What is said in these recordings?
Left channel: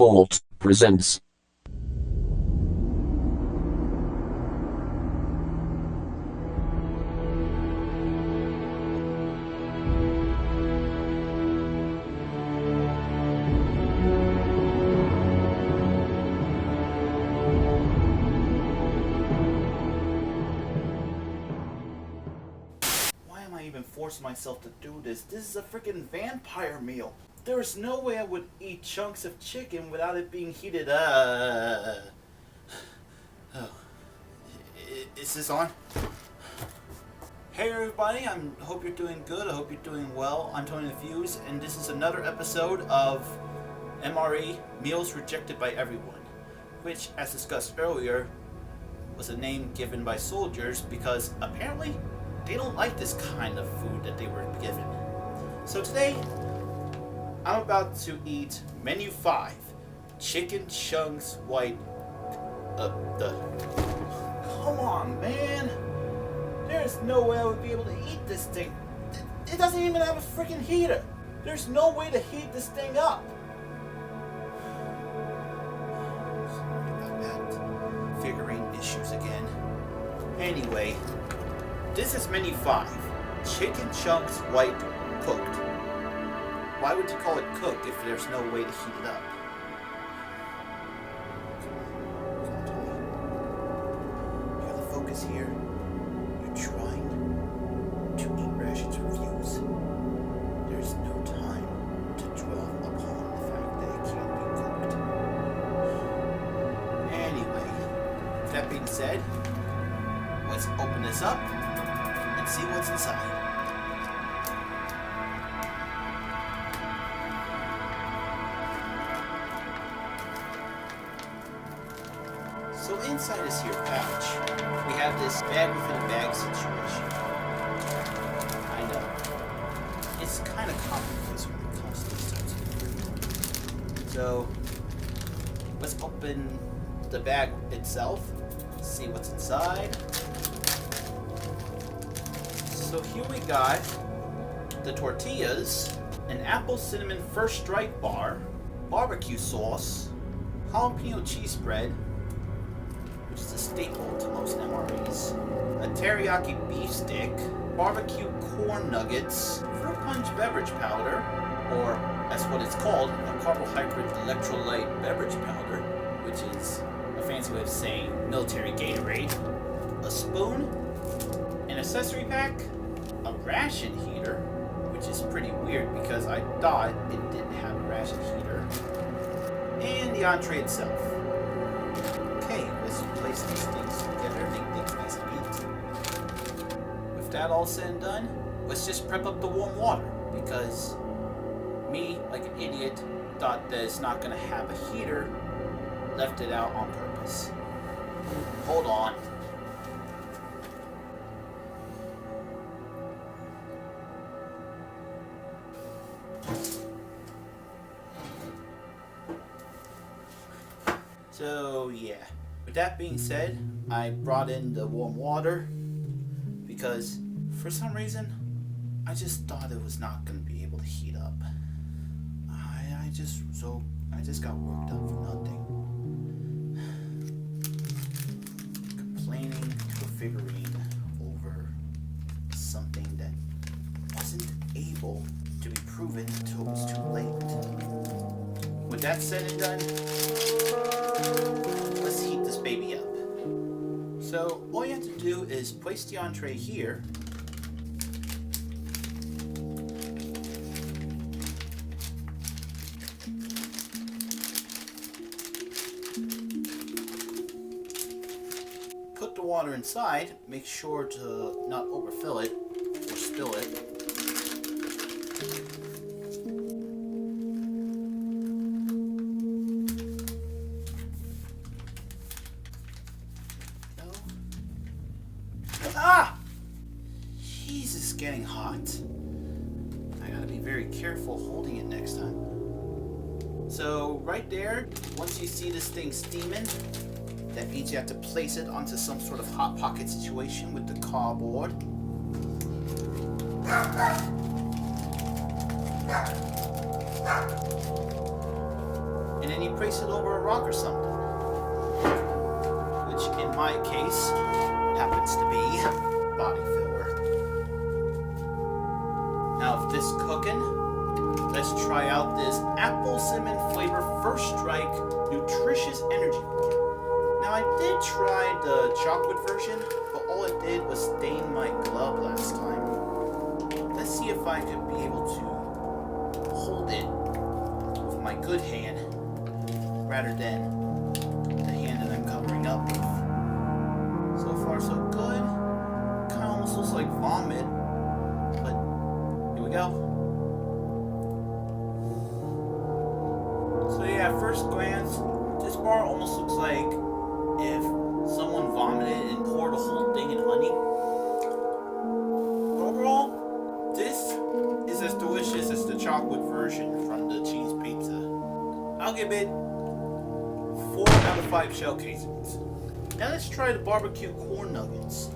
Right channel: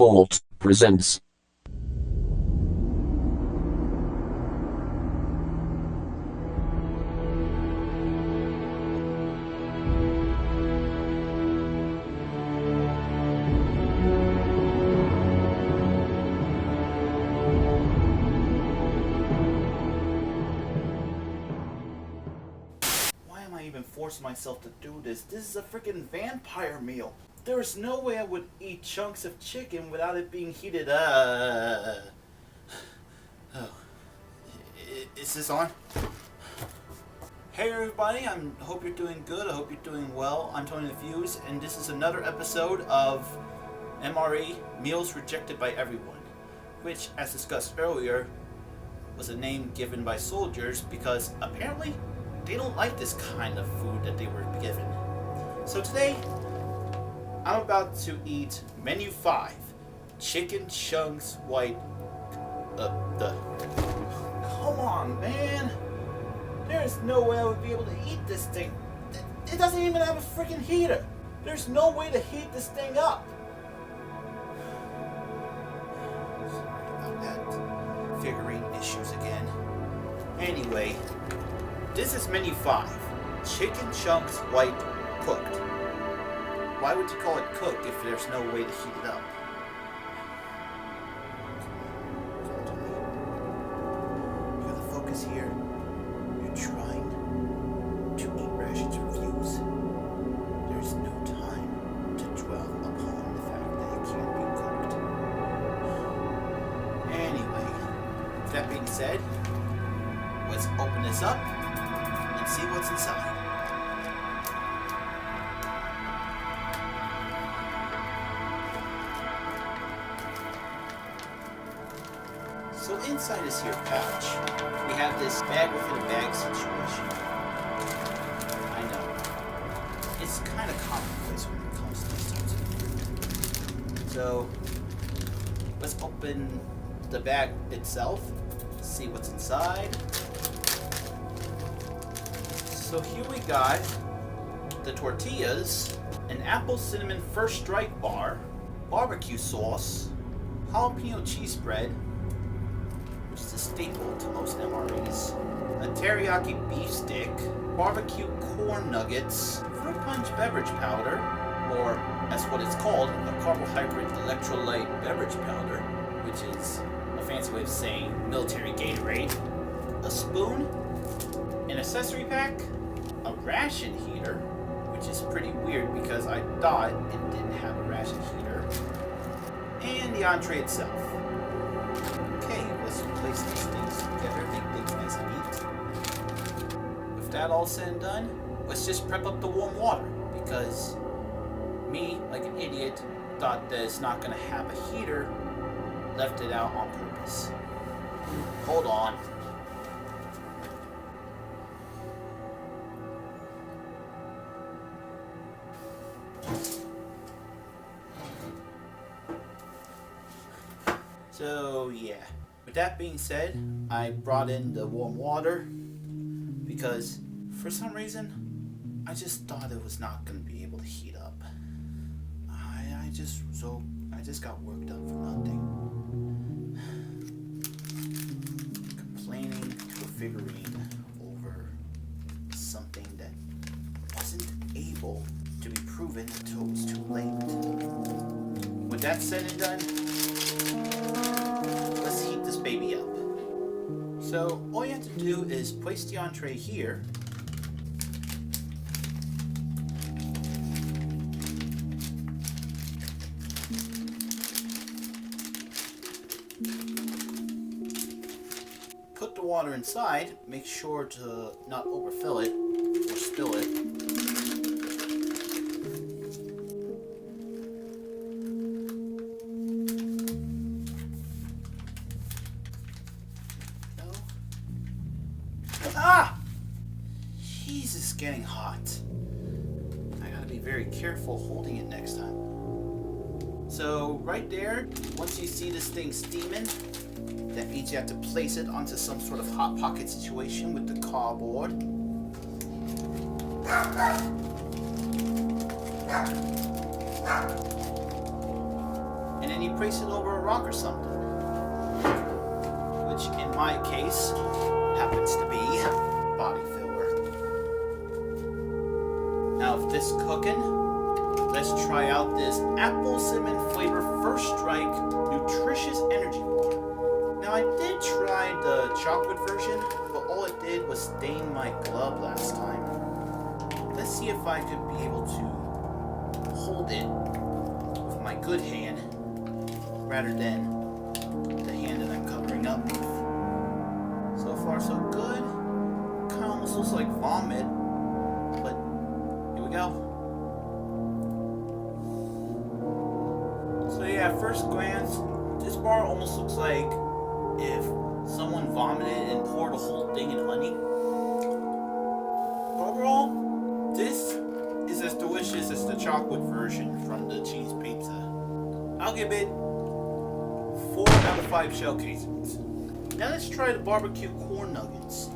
Vault presents. Why am I even forcing myself to do this? This is a freaking vampire meal. There's no way I would eat chunks of chicken without it being heated up. Oh. Is this on? Hey everybody, I hope you're doing good. I hope you're doing well. I'm Tony the Fuse, and this is another episode of MRE, Meals Rejected by Everyone, which, as discussed earlier, was a name given by soldiers because apparently they don't like this kind of food that they were given. So today, I'm about to eat menu 5, chicken chunks white. Come on, man. There's no way I would be able to eat this thing. It doesn't even have a freaking heater. There's no way to heat this thing up. Sorry about that. Figurine issues again. Anyway, this is menu 5, chicken chunks white cooked. Why would you call it cooked if there's no way to heat it up? Come on, Tony. You gotta focus here. You're trying to eat rations reviews. There's no time to dwell upon the fact that it can't be cooked. Anyway, with that being said, let's open this up and see what's inside. So inside this here pouch, we have this bag within a bag situation. I know. It's kind of commonplace when it comes to these types of food. So, let's open the bag itself, see what's inside. So here we got the tortillas, an apple cinnamon first strike bar, barbecue sauce, jalapeno cheese spread, which is a staple to most MREs, a teriyaki beef stick, barbecue corn nuggets, fruit punch beverage powder, or as what it's called, a carbohydrate electrolyte beverage powder, which is a fancy way of saying military Gatorade, a spoon, an accessory pack, a ration heater, which is pretty weird because I thought it didn't have a ration heater, and the entree itself. Okay, let's place these things together, make things nice and neat. With that all said and done, let's just prep up the warm water, because me, like an idiot, thought that it's not going to have a heater, left it out on purpose. Hold on. So yeah, with that being said, I brought in the warm water because for some reason I just thought it was not going to be able to heat up. I just got worked up for nothing. Complaining to a figurine over something that wasn't able to be proven until it was too late. With that said and done, let's heat this baby up. So all you have to do is place the entree here. Put the water inside, make sure to not overfill it or spill it. Ah! Jesus, getting hot. I gotta be very careful holding it next time. So right there, once you see this thing steaming, that means you have to place it onto some sort of hot pocket situation with the cardboard. and then you place it over a rock or something. Which in my case happens to be body filler. Now if this is cooking, let's try out this apple cinnamon flavor First Strike nutritious energy bar. Now I did try the chocolate version, but all it did was stain my glove last time. Let's see if I could be able to hold it with my good hand rather than the hand that I'm covering up with. So far so good. Kinda almost looks like vomit, but here we go. So yeah, at first glance, this bar almost looks like if someone vomited and poured a whole thing in honey. Overall, this is as delicious as the chocolate version from the cheese pizza. I'll give it 4 out of 5 shell casings. Now let's try the barbecue corn nuggets.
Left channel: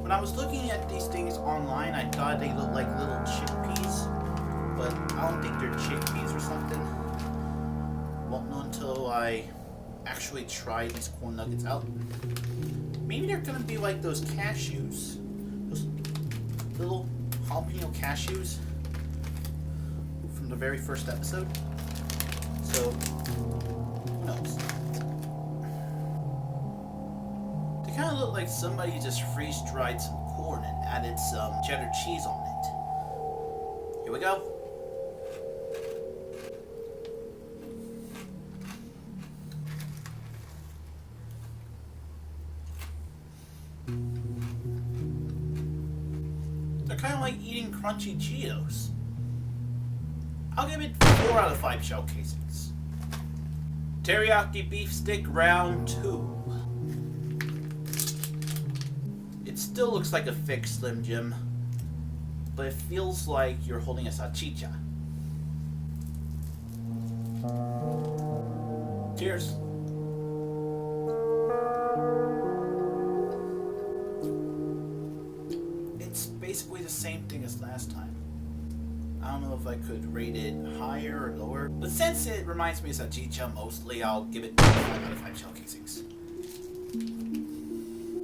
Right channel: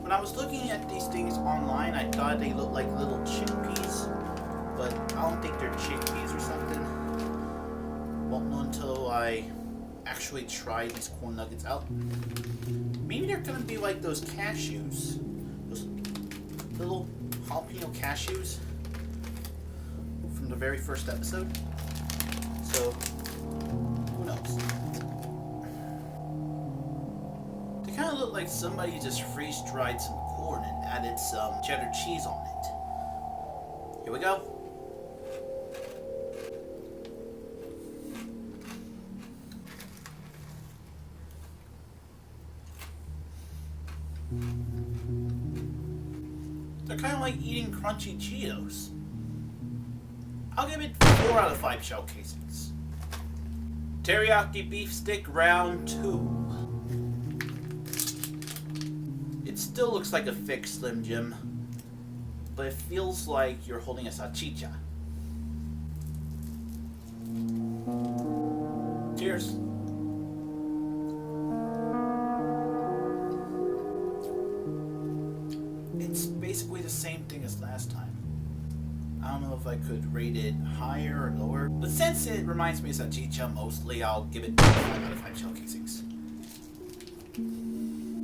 When I was looking at these things online, I thought they looked like little chickpeas, but I don't think they're chickpeas or something. Won't know until I actually try these corn nuggets out. Maybe they're gonna be like those cashews, those little jalapeno cashews from the very first episode. So who knows? They kind of look like somebody just freeze-dried some corn and added some cheddar cheese on it. Here we go. They're kind of like eating crunchy Cheetos. I'll give it 4 out of 5 shell casings. Teriyaki beef stick round 2. It still looks like a fake Slim Jim, but it feels like you're holding a salchicha. Cheers. It's basically the same thing as last time. I don't know if I could rate it higher or lower, but since it reminds me of salchicha mostly, I'll give it 5 out of 5 shell casings.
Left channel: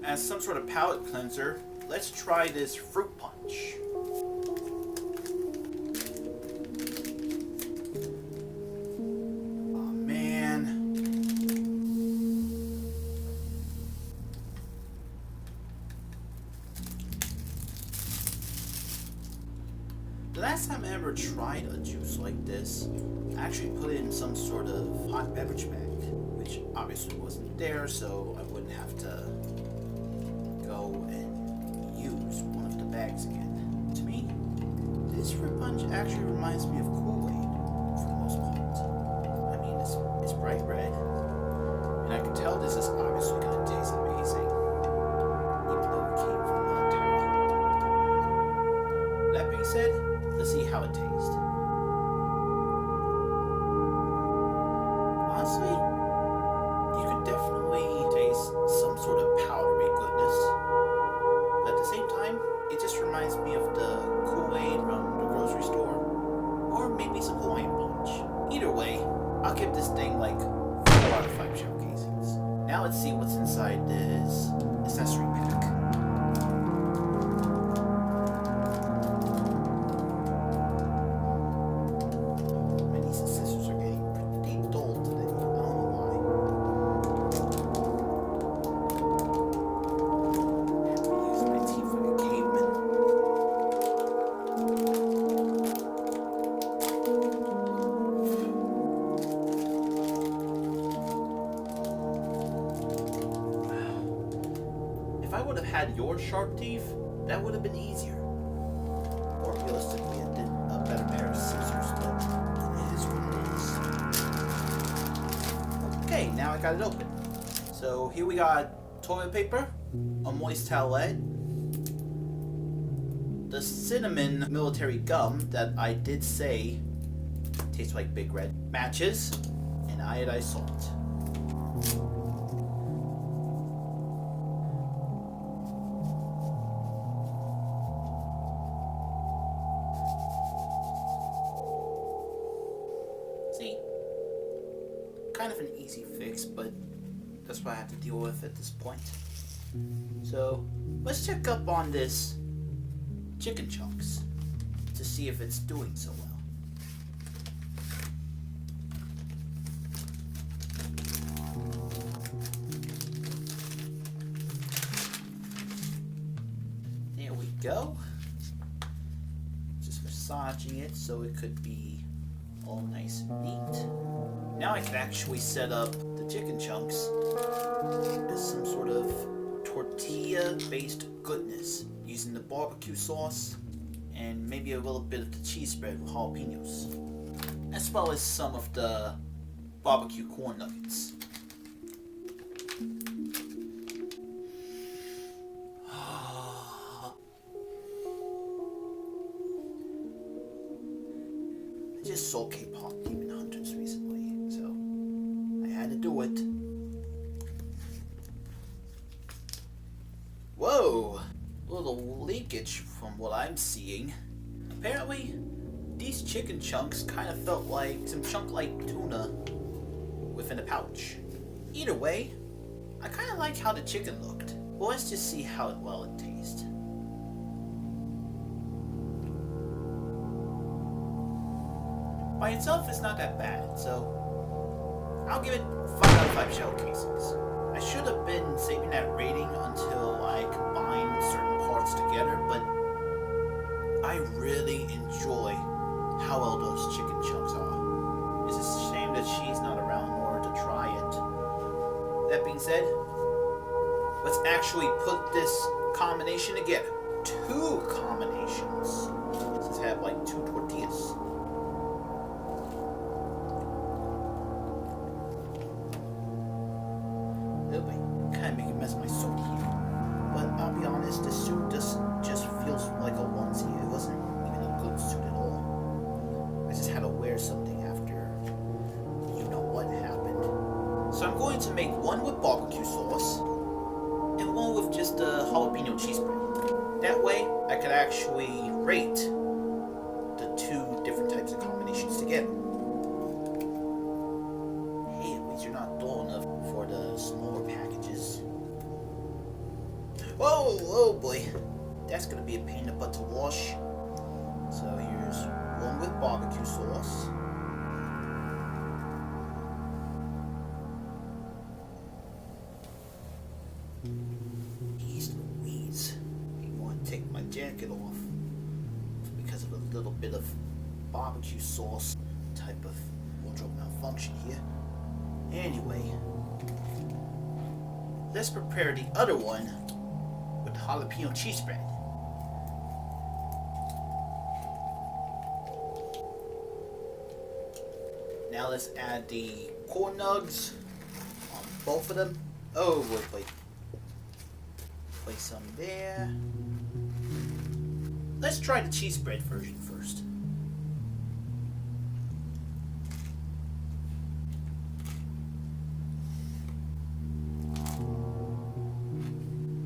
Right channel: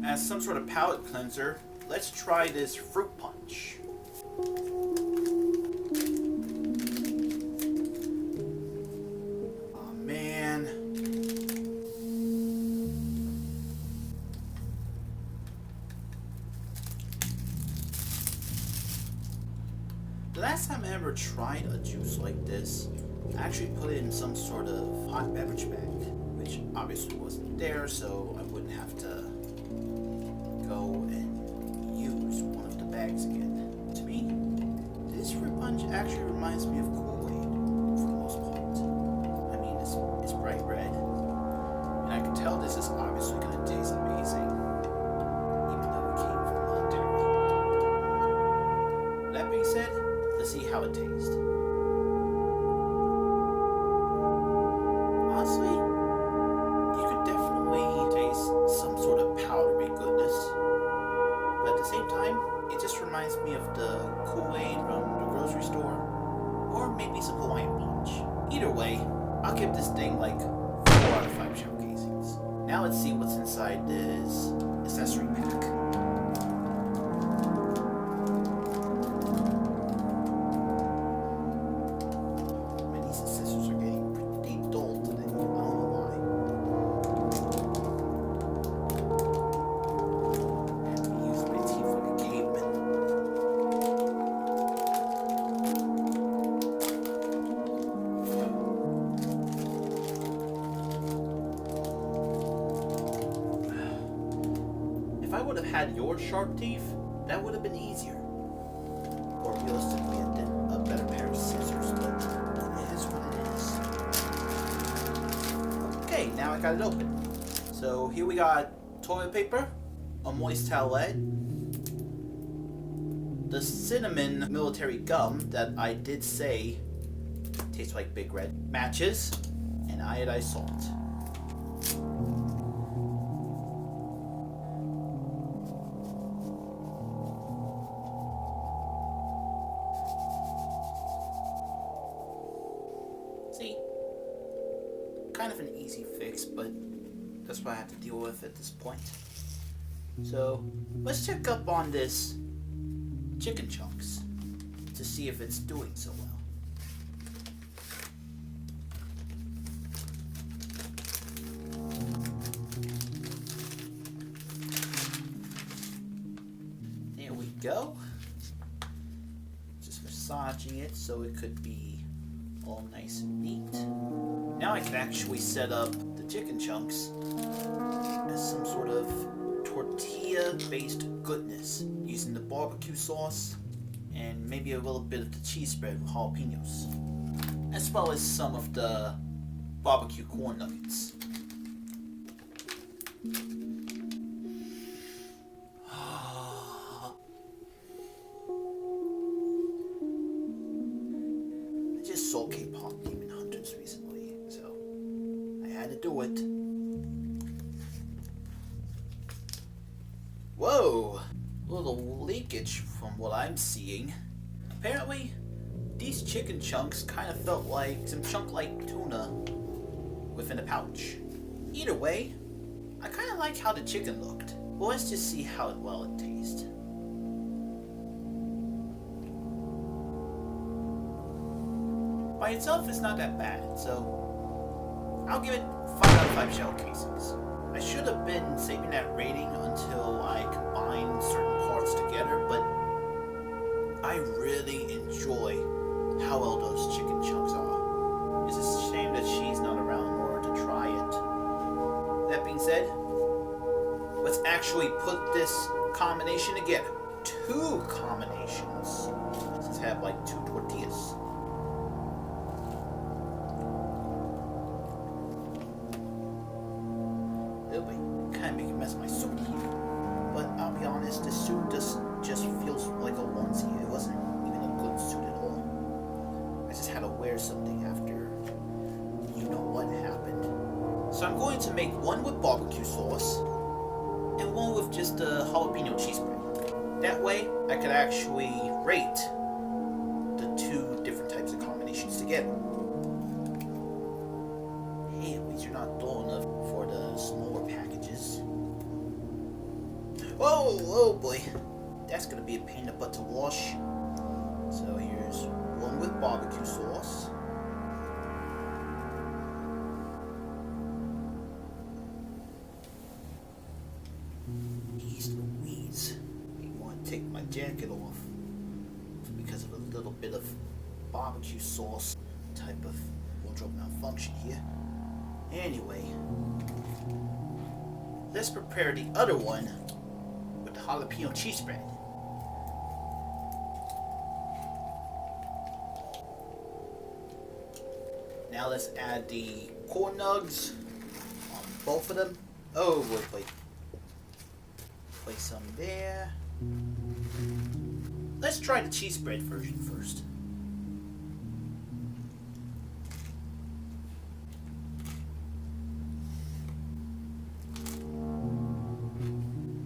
As some sort of palate cleanser, let's try this fruit punch. Oh man. The last time I ever tried a juice like this, I actually put it in some sort of hot beverage bag, which obviously wasn't there, so I wouldn't have to go and use one of the bags again. To me, this fruit punch actually reminds me of Kool-Aid for the most part. I mean, it's bright red, and I can tell this is obviously going to taste amazing, even though it came from the military. That being said, let's see how it tastes. Honestly, you could definitely taste some sort of powdery goodness. But at the same time, it just reminds me of the Kool-Aid from the grocery store, or maybe some Hawaiian Punch. Either way, I'll give this thing like 4 out of 5 shell casings. Now let's see what's inside this accessory pack. Man, these scissors are getting pretty dull today. I don't know why. If I would have had your sharp teeth, that would have been easier. Or realistically, a better pair of scissors, but it is what it is. Okay, now I got it open. So here we got toilet paper, a moist towelette, the cinnamon military gum that I did say tastes like Big Red, matches, and iodized salt. See? kind of an easy fix, but that's what I have to deal with at this point. So let's check up on this chicken chunks to see if it's doing so well. There we go. Just massaging it so it could be all nice and neat. Now I can actually set up the chicken chunks as some sort of tortilla-based goodness using the barbecue sauce and maybe a little bit of the cheese spread with jalapenos, as well as some of the barbecue corn nuggets. I just saw K-pop Demon Hunters recently, so I had to do it. Whoa! A little leakage from what I'm seeing. Apparently, these chicken chunks kind of felt like some chunk-like tuna within a pouch. Either way, I kind of like how the chicken looked. Well, let's just see how well it tastes. By itself, it's not that bad, so I'll give it 5 out of 5 shell casings. I should have been saving that rating until I combined certain parts together, but I really enjoy how well those chicken chunks are. It's a shame that she's not around in order to try it. That being said, let's actually put this combination together. 2 combinations. Let's have like 2 tortillas. It'll be kind of make a mess of my suit here. But I'll be honest, this suit just feels like a onesie. It wasn't even a good suit at all. I just had to wear something after you know what happened. So I'm going to make one with barbecue sauce and one with just the jalapeno cheese spread. That way I could actually rate the 2 different types of combinations together. Hey, at least you're not dull enough for the smaller packages. Oh boy. That's gonna be a pain in the butt to wash. So here's one with barbecue sauce. Jeez Louise. I want to take my jacket off because of a little bit of barbecue sauce type of wardrobe malfunction here. Anyway, let's prepare the other one with the jalapeno cheese spread. Now let's add the corn nugs on both of them. Oh, wait. Place some there. Let's try the cheese spread version first.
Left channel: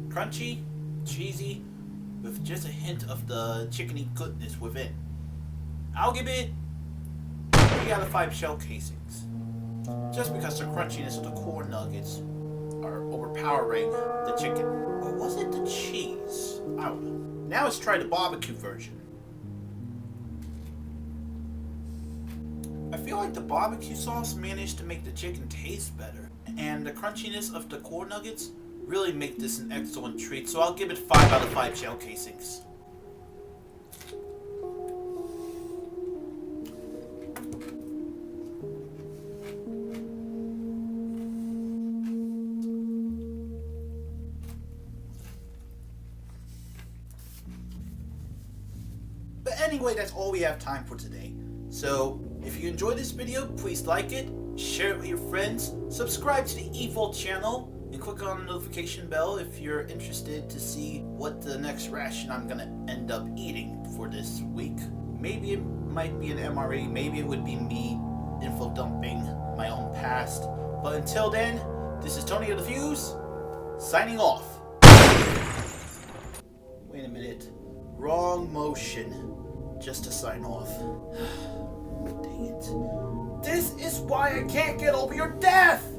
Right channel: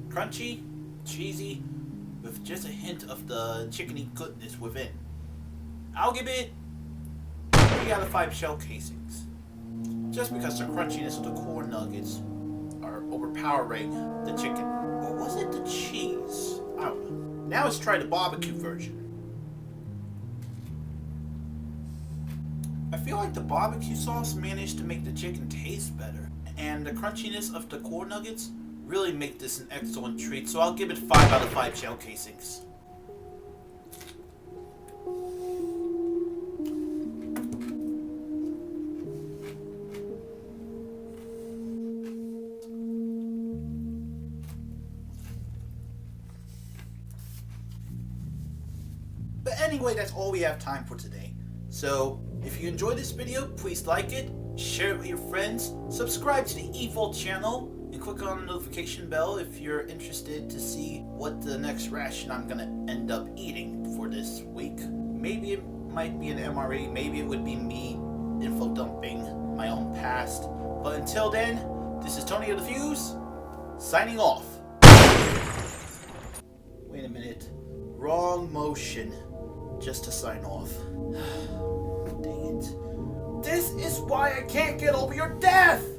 Crunchy, cheesy, with just a hint of the chickeny goodness within. I'll give it 3 out of 5 shell casings. Just because the crunchiness of the corn nuggets are overpowering the chicken. Or was it the cheese? I don't know. Now let's try the barbecue version. I feel like the barbecue sauce managed to make the chicken taste better. And the crunchiness of the corn nuggets really make this an excellent treat, so I'll give it 5 out of 5 shell casings. But anyway, that's all we have time for today. So, if you enjoyed this video, please like it, share it with your friends, subscribe to the Evil channel, and click on the notification bell if you're interested to see what the next ration I'm gonna end up eating for this week. Maybe it might be an MRE, maybe it would be me info dumping my own past. But until then, this is Tony of the Fuse, signing off. Wait a minute. Wrong motion. Just to sign off. Dang it. This is is why I can't get over your death!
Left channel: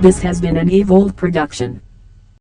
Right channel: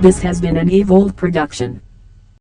This has been an Evolve production.